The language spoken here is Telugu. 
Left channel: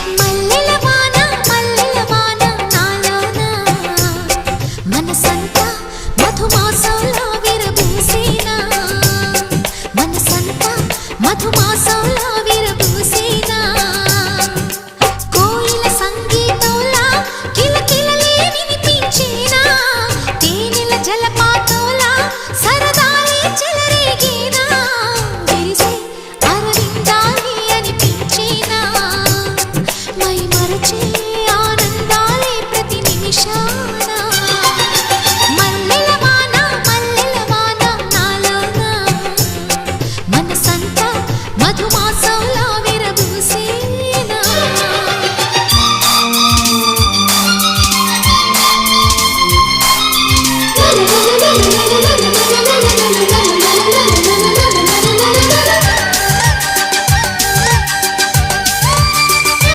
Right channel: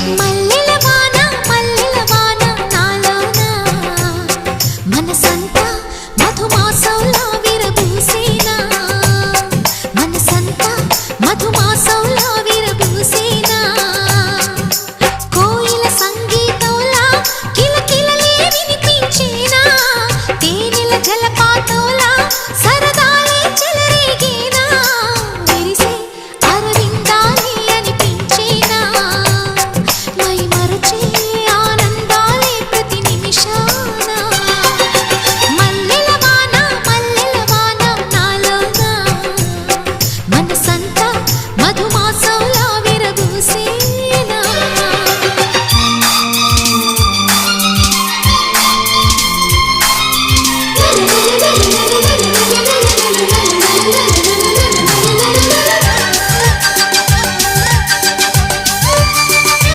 మల్లెల వాన నాలోన మనసంతా మధుమాసంలా విరబూసేనా మనసంతా మధుమాసంలా విరబూసేనా కోయిల సంగీతంలా కిలకిలలే వినిపించేనా తేనెల జలపాతంలా సరదాలే చెలరేగేనా విరిసే అరవిందాలే అనిపించేనా మై మరచే